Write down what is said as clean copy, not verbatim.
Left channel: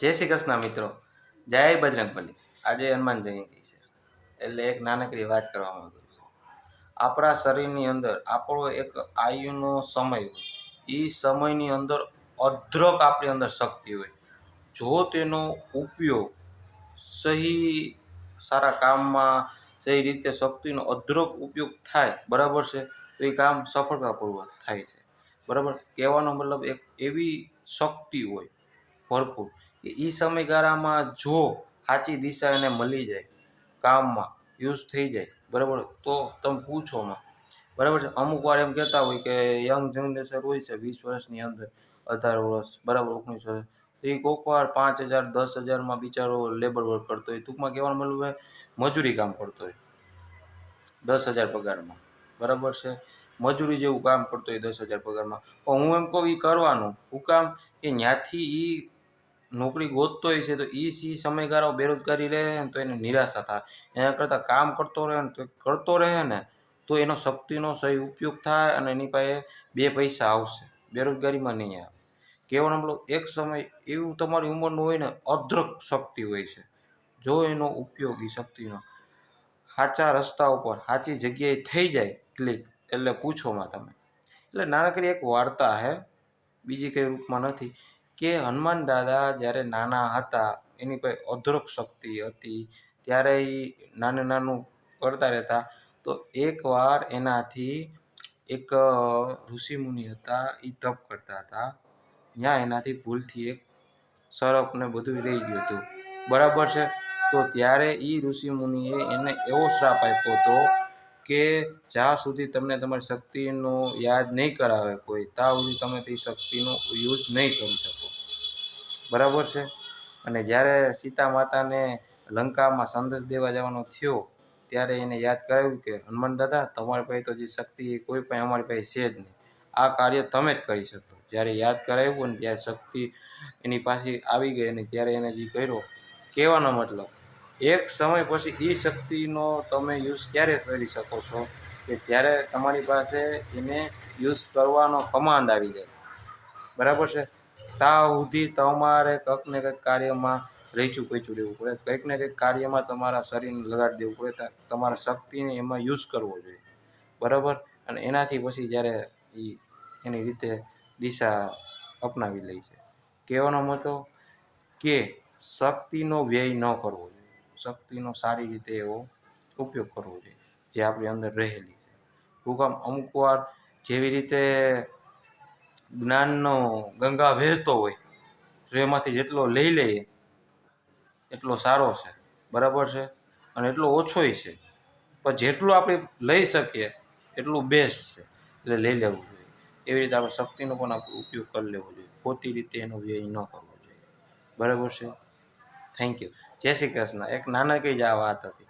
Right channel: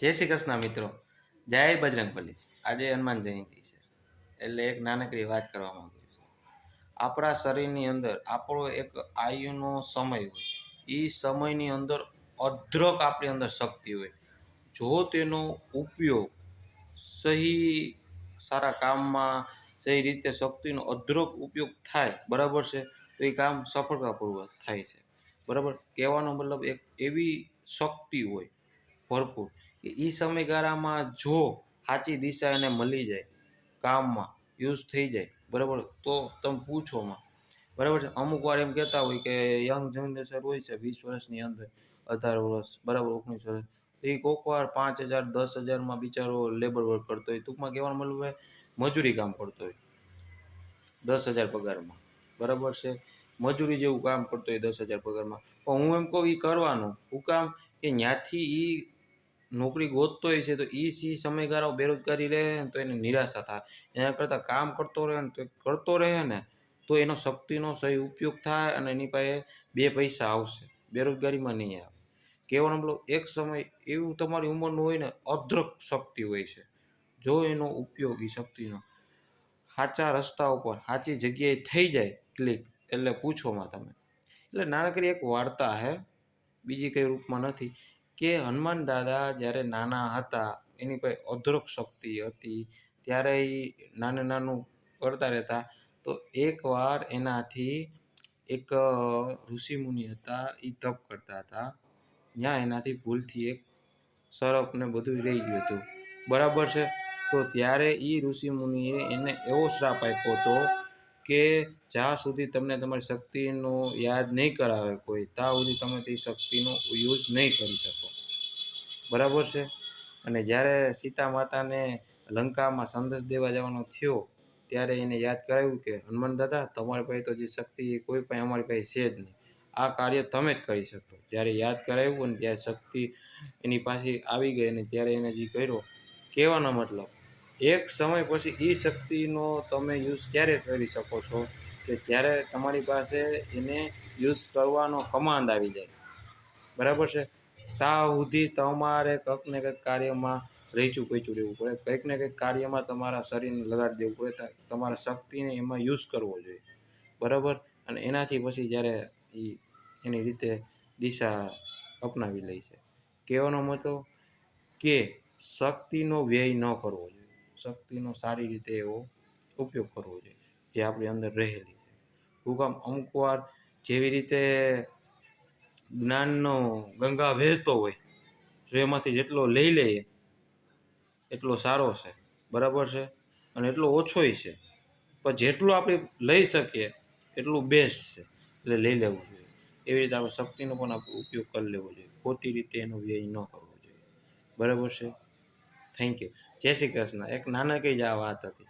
જય શ્રી કૃષ્ણ મિત્રો, જય બજરંગબલી। આજે હનુમાન જયંતિ છે એટલે એક નાનકડી વાત કરવા માંગુ છું। આપણા શરીરની અંદર આપણો એક આયુનો સમય હોય, એ સમયની અંદર અદ્રક આપણી અંદર શક્તિ હોય। જો તેનો ઉપયોગ સહી સારા કામમાં સહી રીતે શક્તિનો અદ્રક ઉપયોગ થાય, બરાબર છે, તો એ કામ સફળતાપૂર્વક થાય છે। બરાબર, કહેવાનો મતલબ એક એવી શક્તિ હોય ભરપૂર કે એ સમયગાળામાં જો સાચી દિશા એને મળી જાય, કામમાં યુઝ થઈ જાય, બરાબર, તો તમે પૂછો માં, બરાબર છે। અમુક વાર એમ કહેતા હોય કે યંગ જનરેશન હોય છે 20 વર્ષની અંદર, 18 વર્ષ, બરાબર, 19 વર્ષ, તો એ કોઈક વાર 5,000 10,000માં બિચારો લેબર વર્ક કરતો હોય, ટૂંકમાં કહેવાનો મતલબ હોય મજૂરી કામ કરતો હોય 10,000 પગારમાં, બરાબર છે, મજૂરી જેવું કામ કરતો હોય 10,000 પગારમાં। પણ હું એમ કહું એ કરવાનું હું કામ કે ત્યાંથી એ નોકરી ગોતતો હોય છે, તો એ સમયગાળો બેરોજગારી રહે ને તો એને નિરાશા થાય। એના કરતાં કામ કરતો રહે ને તો કરતો રહે ને તો એનો શક્તિનો સહી ઉપયોગ થાય અને એની પાસે બે પૈસા આવશે, બેરોજગારીમાં નહીં આવે। કહેવાનો મતલબ એક સમય એવું તમારી ઉંમરનું હોય ને, અદ્રક શક્તિ હોય છે, જો એનો ઉપયોગ એ શક્તિનો સાચા રસ્તા ઉપર સાચી જગ્યાએ થઈ જાય ક્લિક, એટલે પૂછોમાં તમે। એટલે નાનકડી એક વાર્તા છે, બીજી કંઈ રૂપમાં નથી, કે હનુમાન દાદા જ્યારે નાના હતા એની કોઈ અદ્રક શક્તિ હતી, ત્યારે એ નાનું કરતા રહેતા, તો એકવાર એનાથી એક ઋષિમુનિ હતા, એ તપ કરતા હતા, ત્યાં એનાથી ભૂલથી એક સર્પ ને બધું રહી ગયું હતું, બરાબર છે। તો ત્યારે એ ઋષિમુનિએ એને એવો શ્રાપ આપ્યો હતો કે જ્યાં સુધી તમને તમારી શક્તિનો યાદ નહીં કરાવે કોઈ, ત્યાં સુધી તમે તે શક્તિનો યુઝ નહીં કરી શકો, બરાબર છે। અને જ્યારે સીતા માતાને લંકામાં સંદેશ દેવા જવાનો થયો, ત્યારે એને યાદ કરાવ્યું કે હનુમાન દાદા, તમારી પાસે તો જે શક્તિ કોઈ પણ અમારી પાસે છે જ નહીં, આ કાર્ય તમે જ કરી શકશો। જ્યારે યાદ કરાવ્યું ને ત્યારે શક્તિ એની પાસે આવી ગઈ, અને ત્યારે એને જે કર્યો, કહેવાનો મતલબ એક સમય પછી એ શક્તિનો તમે યુઝ ક્યારે કરી શકો છો કે જ્યારે તમારી પાસે એને યુઝ કરવાનો કમાન્ડ આવી જાય, બરાબર છે। ત્યાં સુધી તમારે કંઈક ને કંઈક કાર્યમાં રહીચું પીચું રહેવું પડે, કંઈક ને કંઈક કાર્યમાં તમારા શરીરને લગાડી દેવું પડે, તમારા શક્તિને એમાં યુઝ કરવો જોઈએ, બરાબર। અને એનાથી પછી જ્યારે એ એની રીતે દિશા અપનાવી લે છે। કહેવાનો મતલબ કે શક્તિનો વ્યય ન કરવો જોઈએ, શક્તિનો સારી રીતે એવો ઉપયોગ કરવો જોઈએ જે આપણી અંદર રહેલી છે। હું કામ અમુક વાર જેવી રીતે જ્ઞાનનો ગંગા વહેતો હોય, જો એમાંથી જેટલો લઈ લઈએ એટલો સારો છે, બરાબર છે, અને એટલો ઓછોય છે, પણ જેટલું આપણે લઈ શકીએ એટલું બેસ્ટ છે, એટલે લઈ લેવું જોઈએ। એવી રીતે આપણે શક્તિનો પણ આપણે ઉપયોગ કરી લેવો જોઈએ, ખોટી રીતે એનો વ્યય ન કરવો જોઈએ, બરાબર છે। થેન્ક યુ, જય શ્રી કૃષ્ણ। એક નાનકડી જ આ વાત હતી।